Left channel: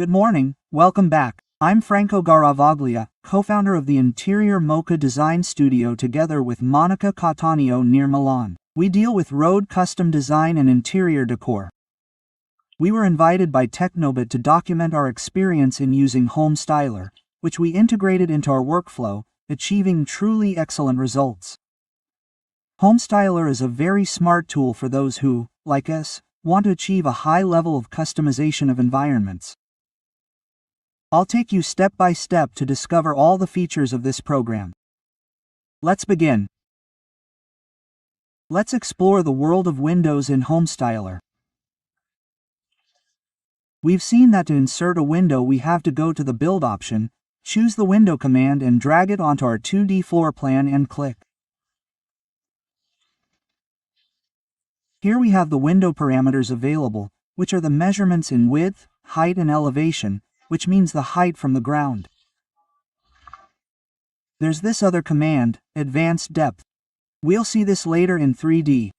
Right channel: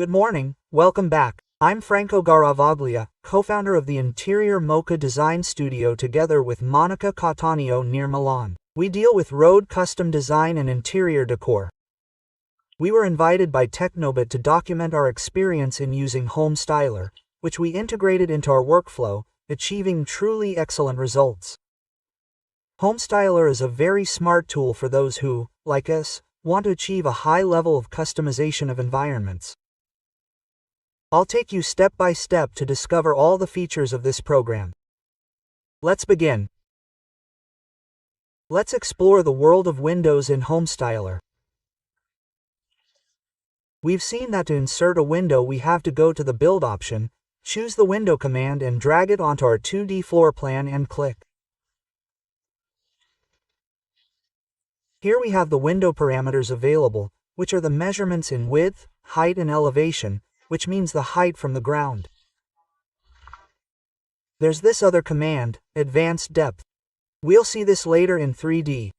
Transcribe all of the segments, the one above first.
Good morning, welcome back. I'm Franco Garavaglia, co-founder of the Interior Mocha Design Studio together with Monica Cattaneo near Milan. We deal with road custom design and interior decor. We were invited by Technobit to document our experience in using HomeStyler, which we integrated into our workflow, achieving truly excellent results. HomeStyler is a very smart tool for those who, like us, want to achieve a high level of customization of environments. I'll take you step by step to discover all the features of this program. Let's begin. Let's explore the world of windows in HomeStyler. We've seen that to insert a window we have to go to the Build option, choose the Window command and drag it onto our 2D floor plan and click. Here we have the window parameters available, which are the measurements in width, height and elevation, which means the height from the ground. There's this other command, Advanced Depth. We'll see this later in 3D.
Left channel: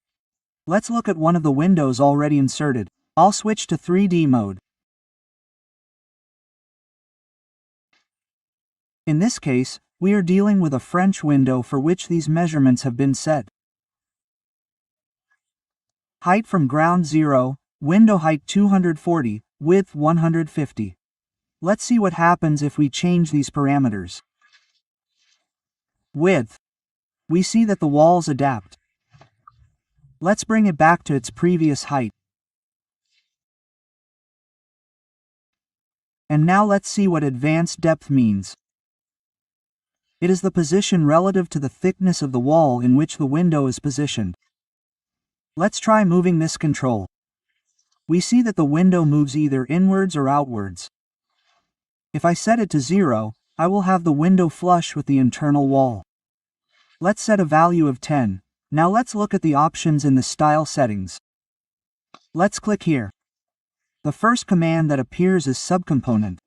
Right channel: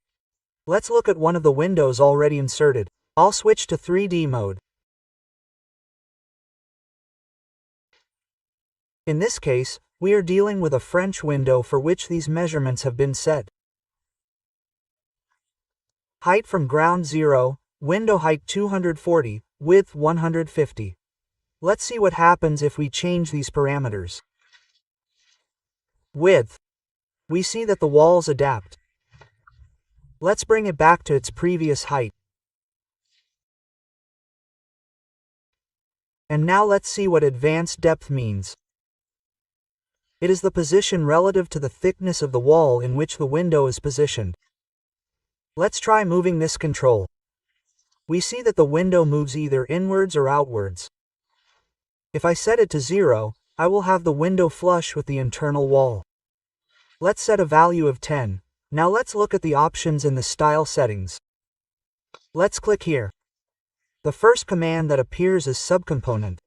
Let's look at one of the windows already inserted. I'll switch to 3D mode. In this case, we are dealing with a French window for which these measurements have been set. Height from ground 0, window height 240, width 150. Let's see what happens if we change these parameters. Width. We see that the walls adapt. Let's bring it back to its previous height. And now let's see what advanced depth means. It is the position relative to the thickness of the wall in which the window is positioned. Let's try moving this control. We see that the window moves either inwards or outwards. If I set it to 0, I will have the window flush with the internal wall. Let's set a value of 10. Now let's look at the options in the style settings. Let's click here. The first command that appears is subcomponent.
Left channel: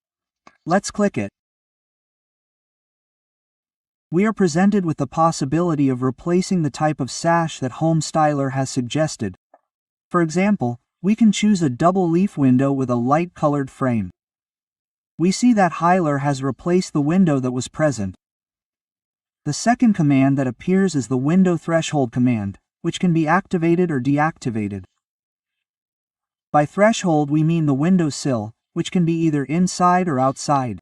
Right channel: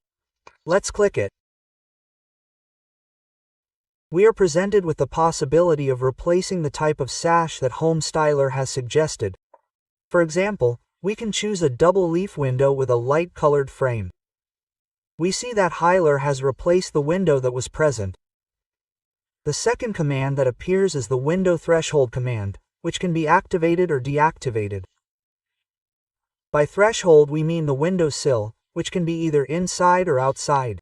Let's click it. We are presented with the possibility of replacing the type of sash that HomeStyler has suggested. For example, we can choose a double leaf window with a light-colored frame. We see that Hyler has replaced the window that was present. The second command that appears is the window threshold command, which can be activated or deactivated. By threshold we mean the window sill, which can be either inside or outside.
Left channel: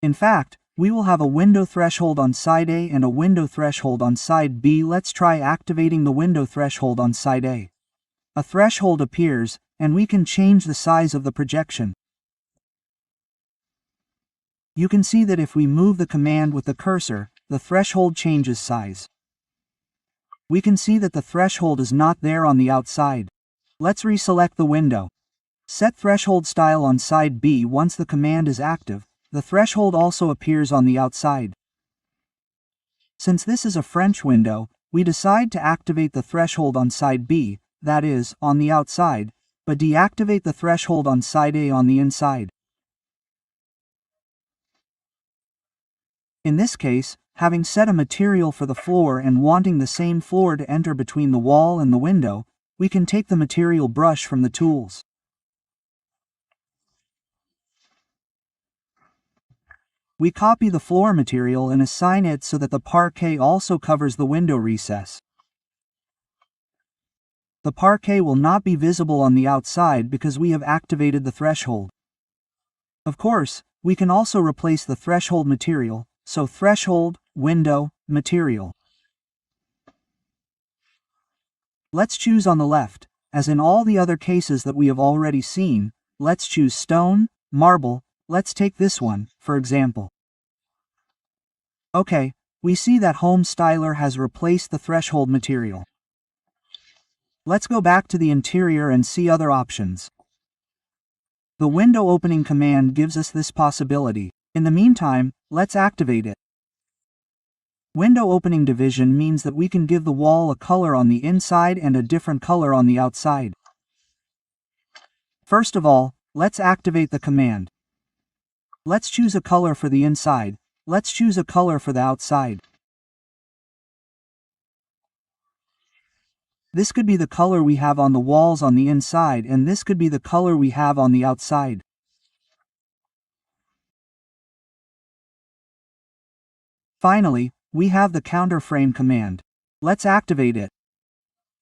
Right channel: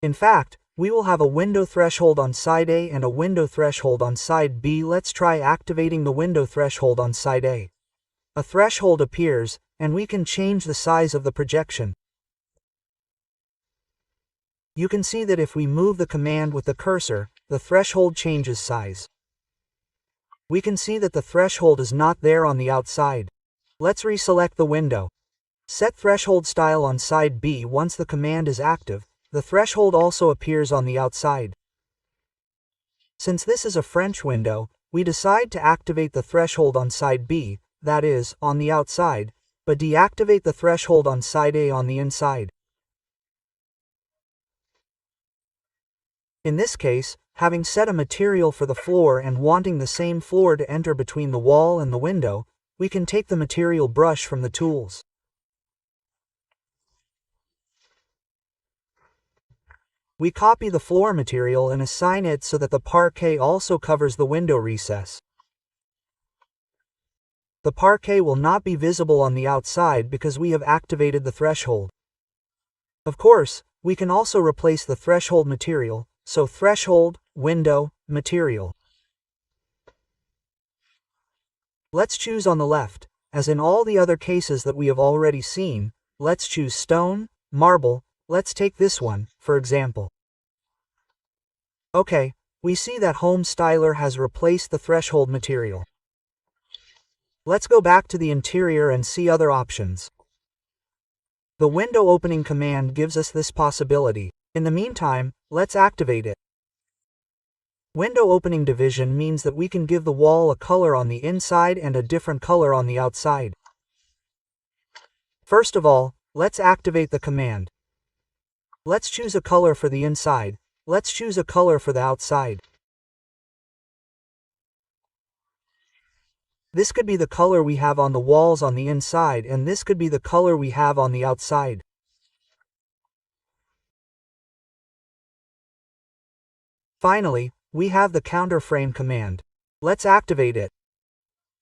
In fact, we will have a window threshold on side A and a window threshold on side B. Let's try activating the window threshold on side A. A threshold appears, and we can change the size of the projection. You can see that if we move the command with the cursor, the threshold changes size. We can see that the threshold is not there on the outside. Let's reselect the window. Set threshold style on side B. Once the command is active, the threshold also appears on the outside. Since this is a French window, we decide to activate the threshold on side B, that is, on the outside, but deactivate the threshold on side A on the inside. In this case, having set a material for the floor and wanting the same floor to enter between the wall and the window, we can take the material brush from the tools. We copy the floor material and assign it so that the parquet also covers the window recess. The parquet will not be visible on the outside because we have activated the threshold. Of course, we can also replace the threshold material, so threshold, window, material. Let's choose on the left. As in all the other cases that we have already seen, let's choose stone, marble. Let's take this one, for example. Okay, we see that HomeStyler has replaced the threshold material. Let's go back to the interior and see other options. The window opening command gives us this possibility. In the meantime, let's activate it. Window opening division means that we can give the wall a color on the inside and a different color on the outside. First of all, let's activate the command. Let's choose a color for the inside. Let's choose a color for the outside. This could be the color we have on the walls on the inside, and this could be the color we have on the outside. Finally, we have the counter frame command. Let's activate it.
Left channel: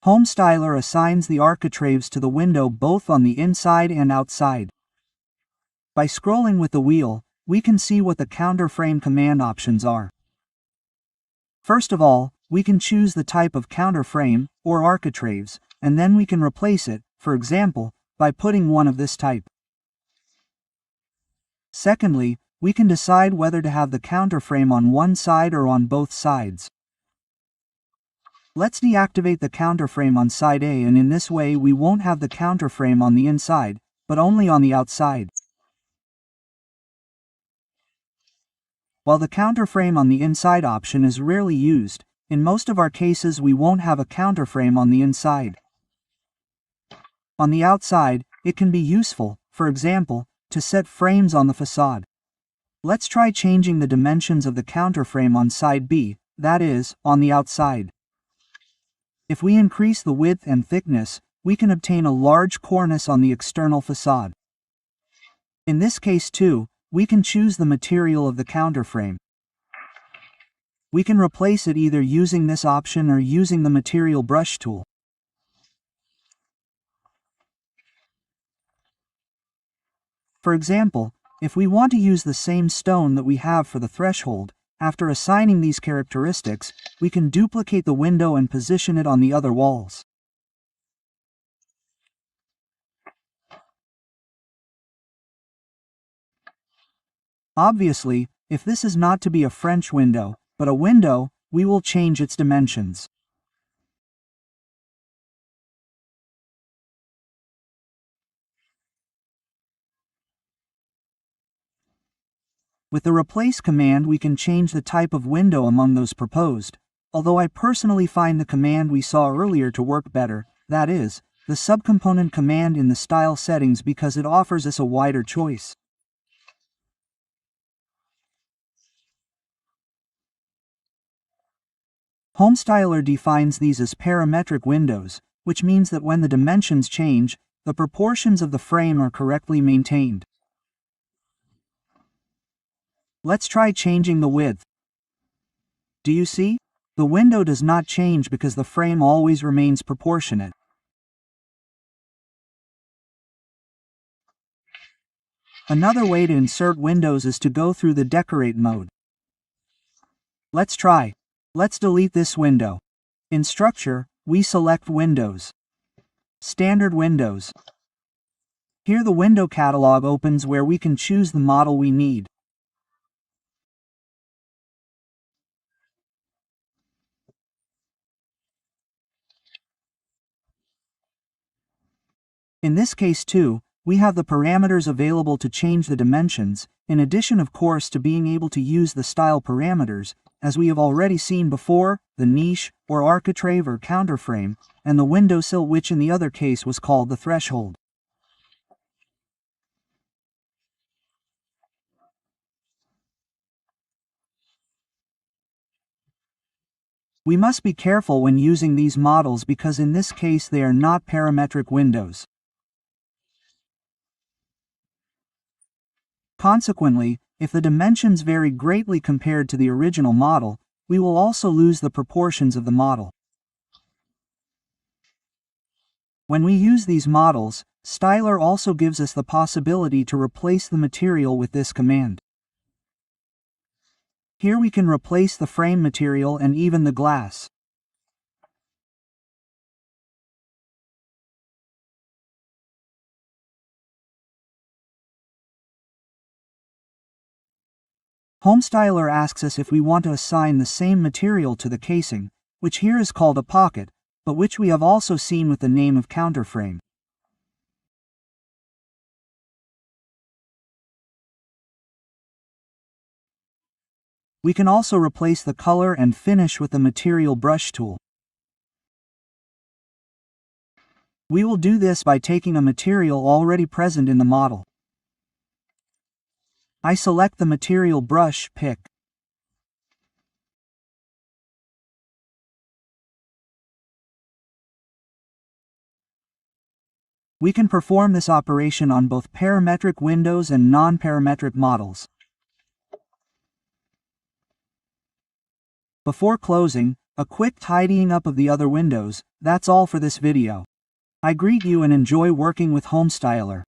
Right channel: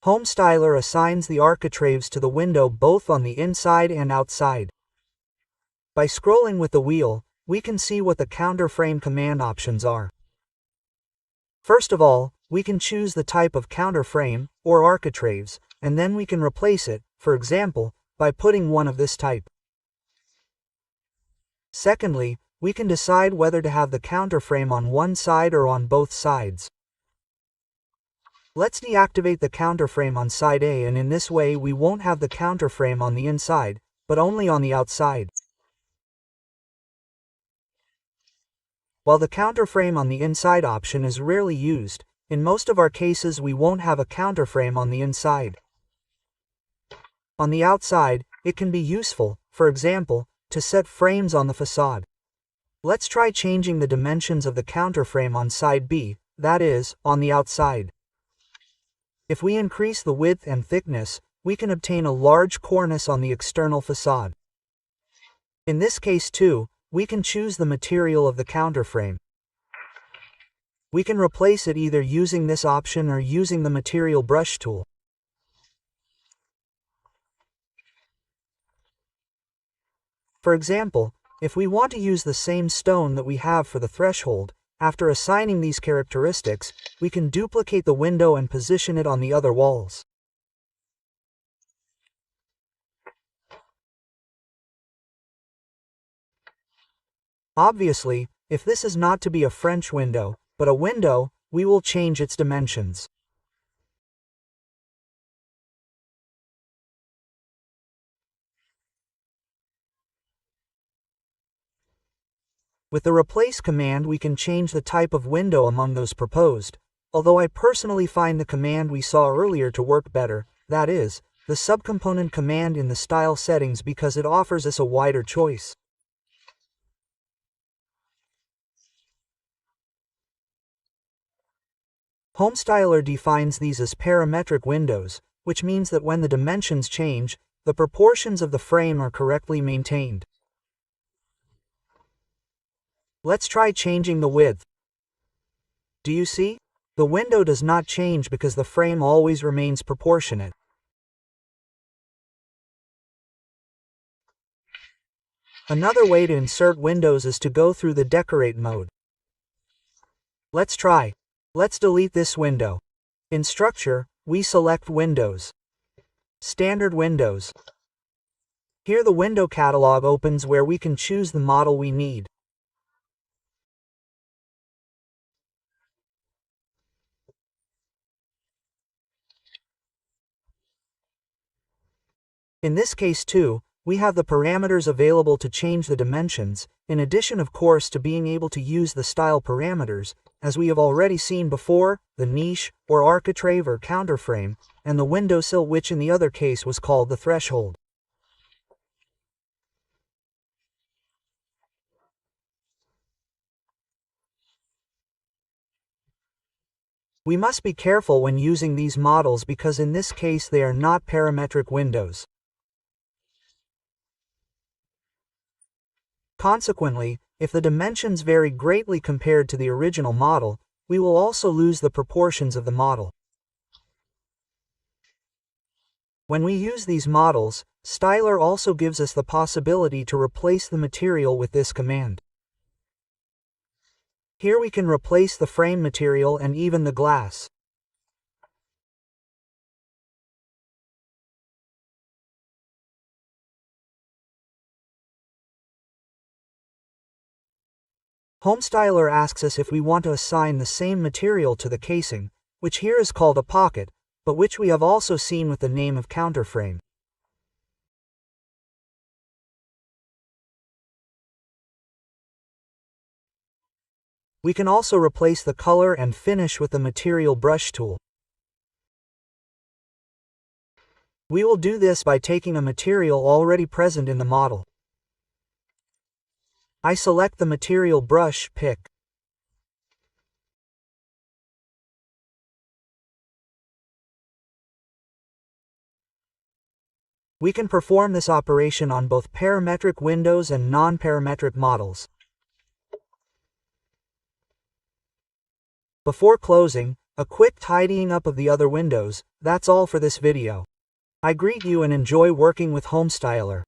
HomeStyler assigns the architraves to the window both on the inside and outside. By scrolling with the wheel, we can see what the counter frame command options are. First of all, we can choose the type of counter frame, or architraves, and then we can replace it, for example, by putting one of this type. Secondly, we can decide whether to have the counter frame on one side or on both sides. Let's deactivate the counter frame on side A, and in this way we won't have the counter frame on the inside, but only on the outside. While the counter frame on the inside option is rarely used, in most of our cases we won't have a counter frame on the inside. On the outside, it can be useful, for example, to set frames on the facade. Let's try changing the dimensions of the counter frame on side B, that is, on the outside. If we increase the width and thickness, we can obtain a large cornice on the external facade. In this case too, we can choose the material of the counter frame. We can replace it either using this option or using the material brush tool. For example, if we want to use the same stone that we have for the threshold, after assigning these characteristics, we can duplicate the window and position it on the other walls. Obviously, if this is not to be a French window, but a window, we will change its dimensions. With the replace command we can change the type of window among those proposed, although I personally find the command we saw earlier to work better, that is, the subcomponent command in the style settings, because it offers us a wider choice. HomeStyler defines these as parametric windows, which means that when the dimensions change, the proportions of the frame are correctly maintained. Let's try changing the width. Do you see? The window does not change because the frame always remains proportionate. Another way to insert windows is to go through the decorate mode. Let's try. Let's delete this window. In Structure, we select Windows. Standard Windows. Here the window catalog opens where we can choose the model we need. In this case too, we have the parameters available to change the dimensions, in addition of course to being able to use the style parameters, as we have already seen before, the niche, or architrave or counterframe, and the windowsill, which in the other case was called the threshold. We must be careful when using these models because in this case they are not parametric windows. Consequently, if the dimensions vary greatly compared to the original model, we will also lose the proportions of the model. When we use these models, Styler also gives us the possibility to replace the material with this command. Here we can replace the frame material and even the glass. HomeStyler asks us if we want to assign the same material to the casing, which here is called a pocket, but which we have also seen with the name of counterframe. We can also replace the color and finish with the material brush tool. We will do this by taking a material already present in the model. I select the material brush pick. We can perform this operation on both parametric windows and non-parametric models. Before closing, a quick tidying up of the other windows. That's all for this video. I greet you and enjoy working with HomeStyler.